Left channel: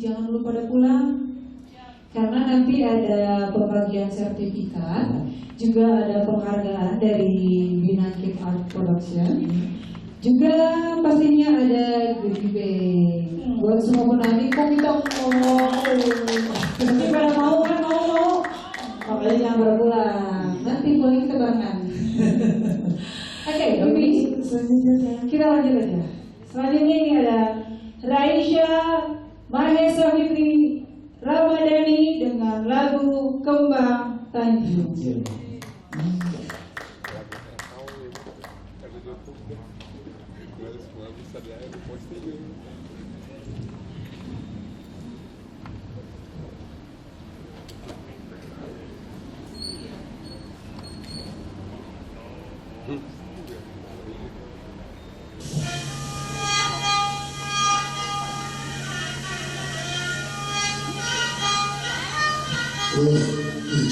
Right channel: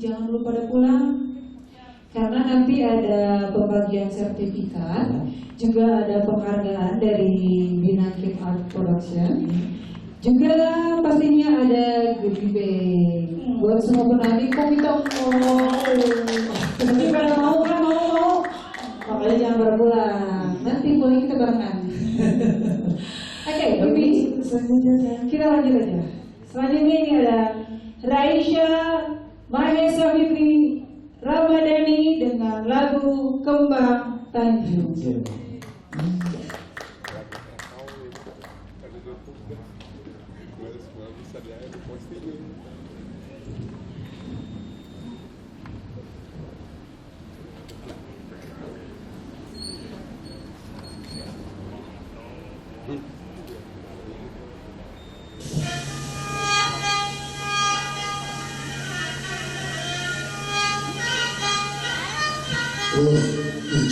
jangan lupa pada pulang karena nanti ada pembagian sertifikat, juga ada penghargaan dari Binakit Art Production, juga pastinya ada goodie bag buat semua penarik. Kok kita tapi pada mau kan, mau makanya jangan berpulang, nanti boleh kita barengan. Oke, tapi selanjutnya kita lanjut aja. Selanjutnya ini ada Raisya Mahesa Fitri Ramadhani dengan lagu Kembang Tanjung.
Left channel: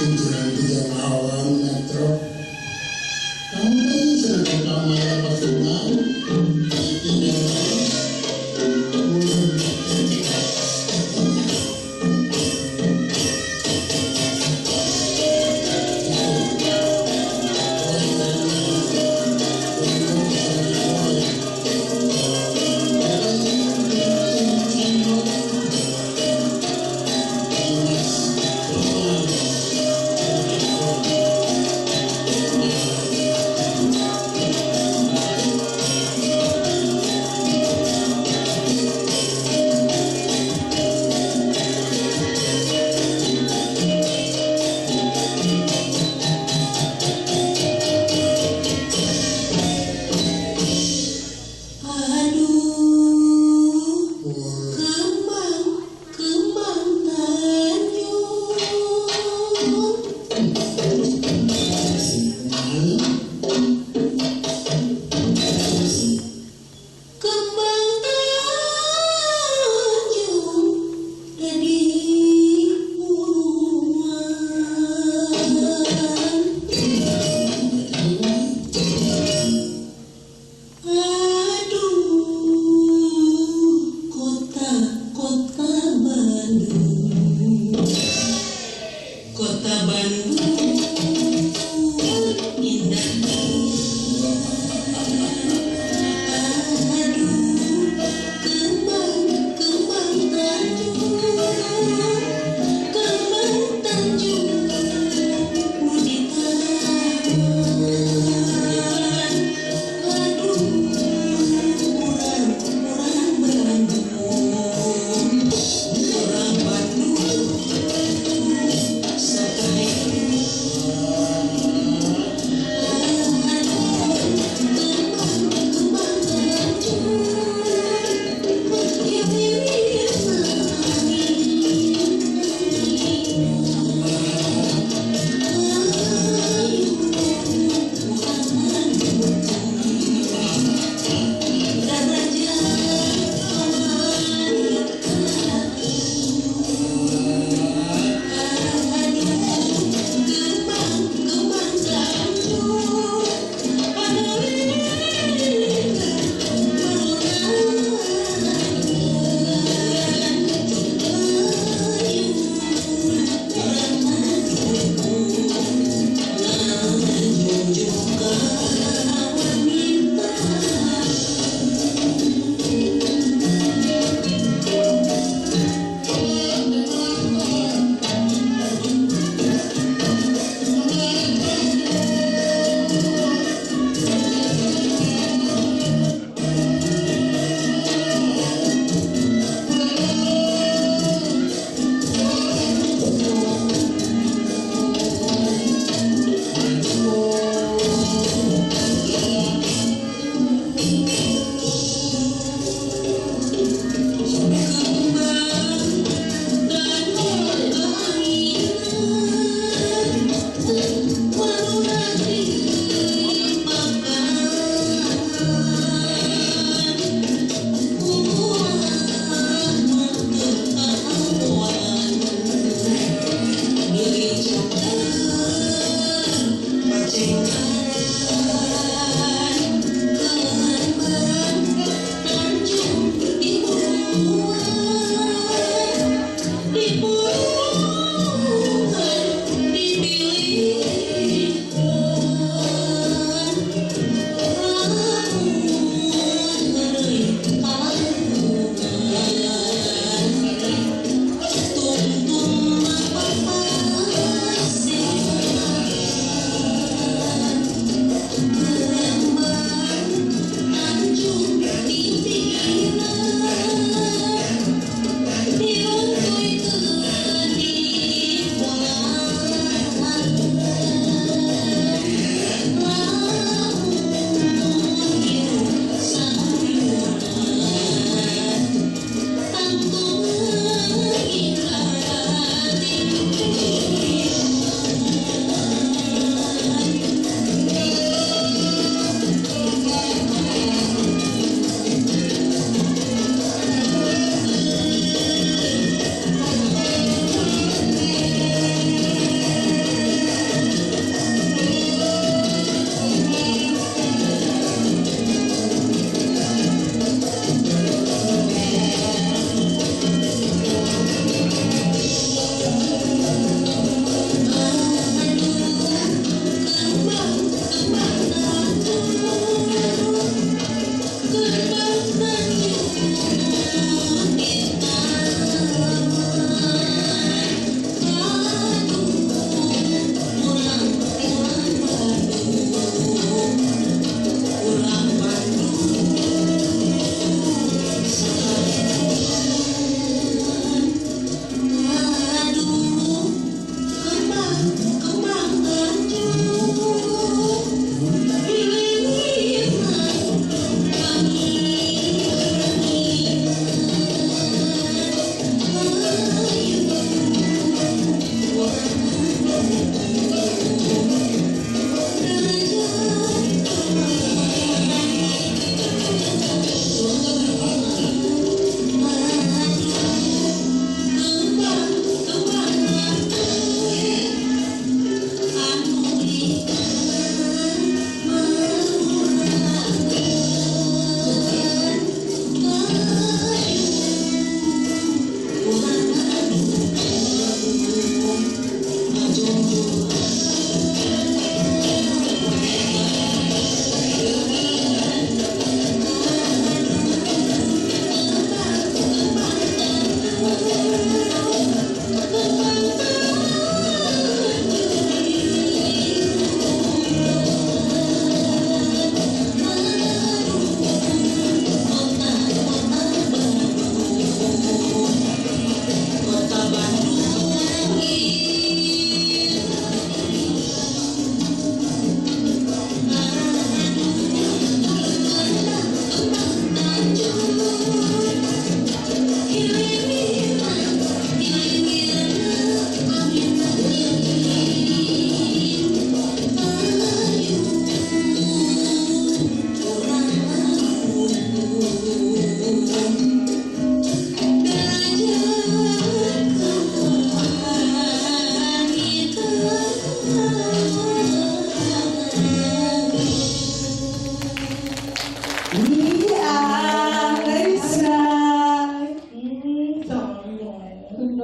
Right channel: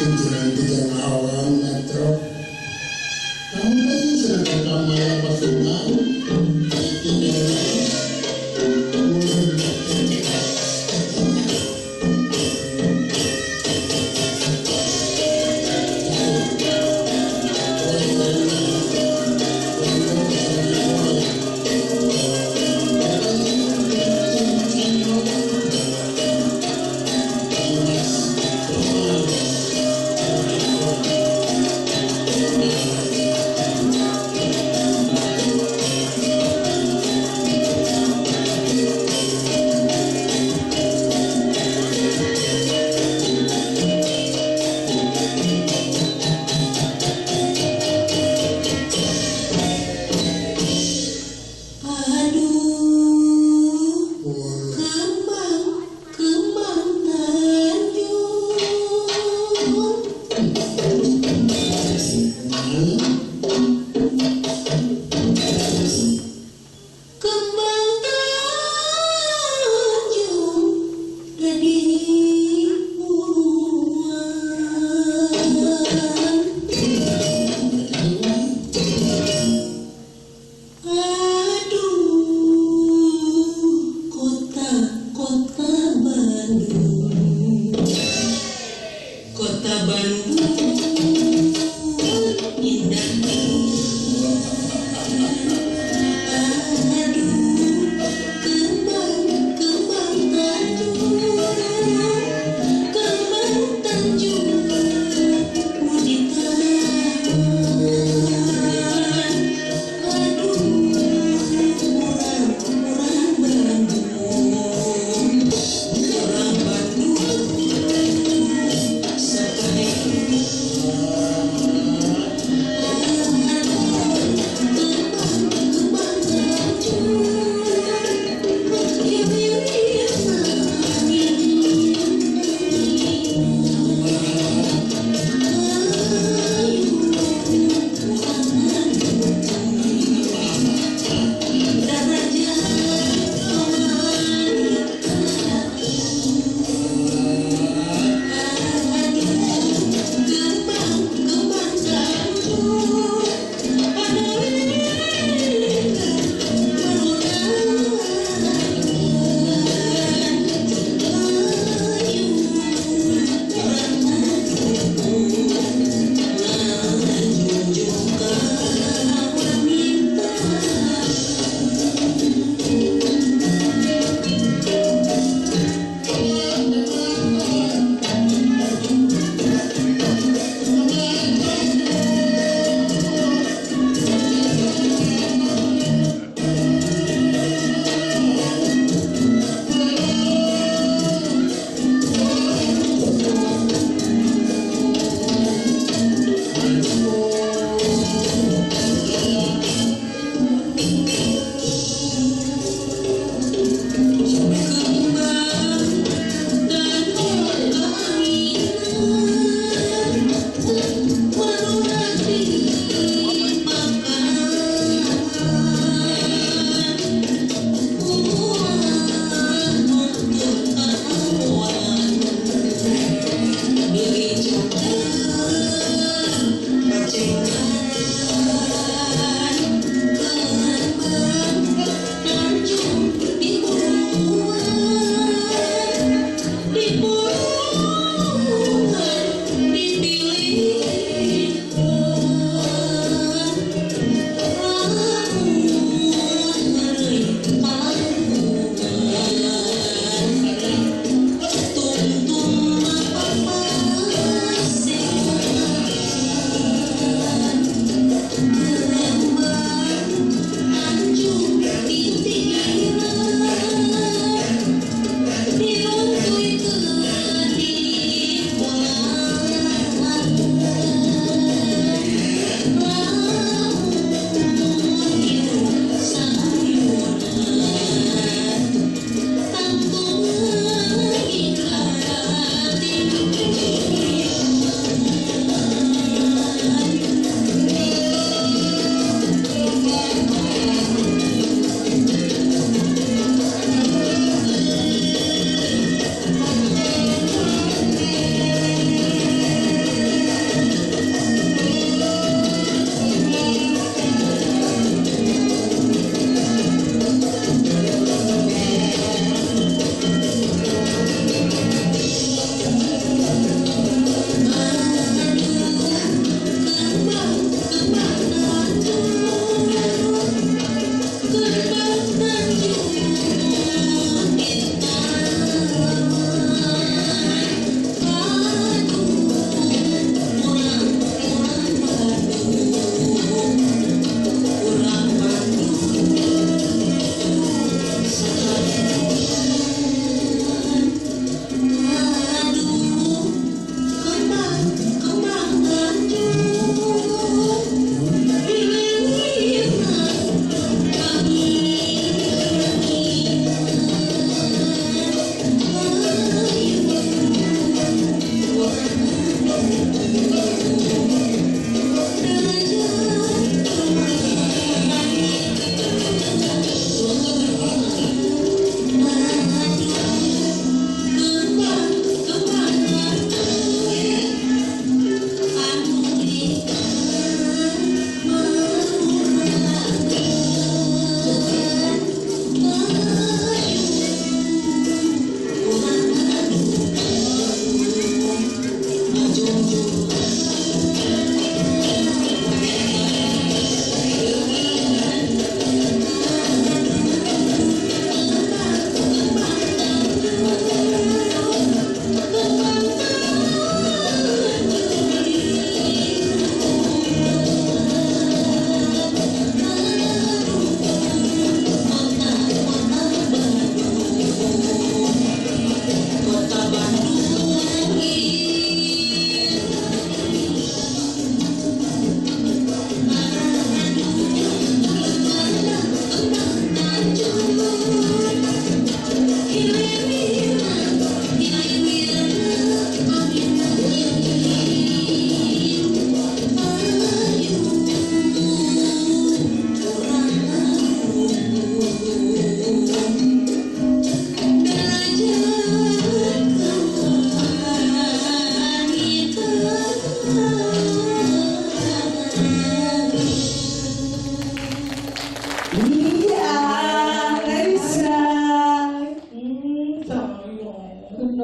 Kunjungan tiga awam metro, kamu kan sedang kamar pasungan.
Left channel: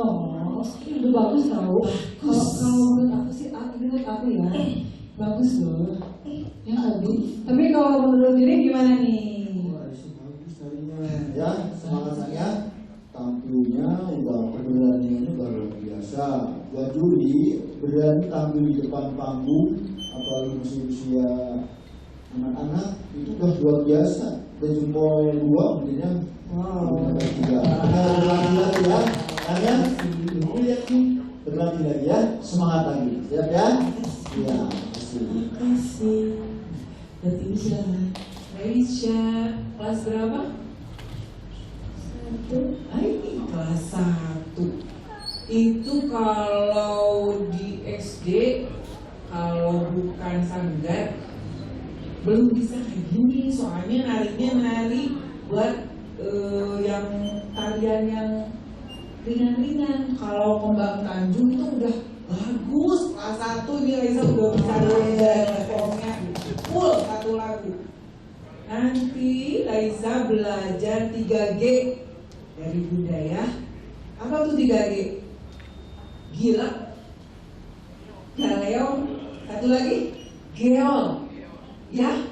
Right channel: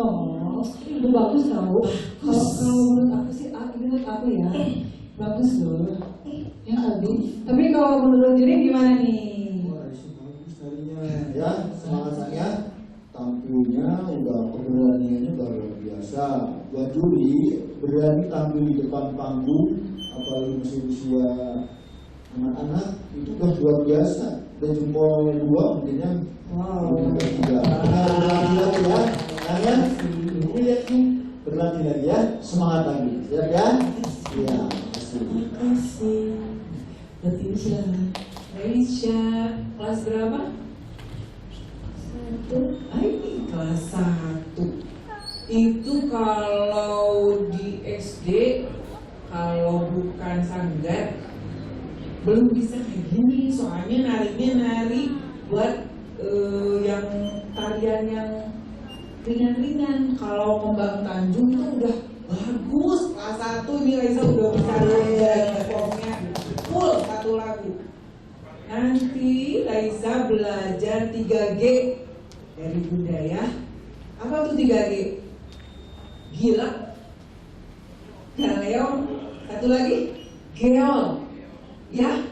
Oh, itu bagus tau. Kalau menurut aku sih, menurut aku ya, bagus loh. Ya Abi. Tapi kalau menurut diri gimana nih? Wah, bagus tadinya ya, semangat saya. Tampilnya udah keberaniannya luar biasa. Buat juri berani tampil di depan panggung, apalagi masih usia anak-anak itu udah luar biasa. Udah jempol 2 mungkinnya. Wow. Berlatih lagi ya. Kalian ini lihat nih, berlatih lagi ya. Semangat lagi, siap ya? Iya. Terima kasih. Berarti ini silahkan. Aisyah, kelas berapa? 1. Ini kelas 1. Itu kalau di SD, kalau bukan sanggar, belum bisa kayak gini. Soalnya narinya nari buat yang tarian yang ringan-ringan. Kalau Kembang Tanjung itu udah bagus. Kelas 1 ini Raisa udah bisa nyanyi pokoknya full 1 lagu. Nanti Raisa belajar 3G dari budaya. Apa tuh 3G? Gila, galeo, satu lagi geol. Ya,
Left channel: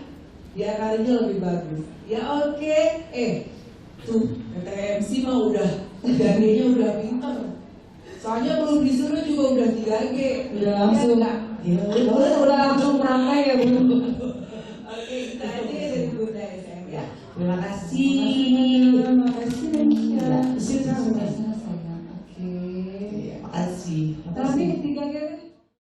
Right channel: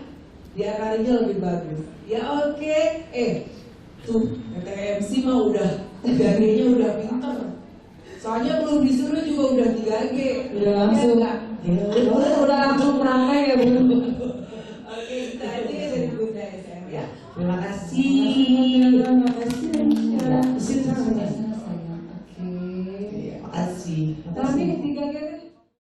biar kalinya lebih bagus. Ya oke. Tuh kata MC mah udah 3G-nya udah pinter. Soalnya belum disuruh juga udah 3G. Udah langsung. Ya, udah langsung merangkai ya Bu.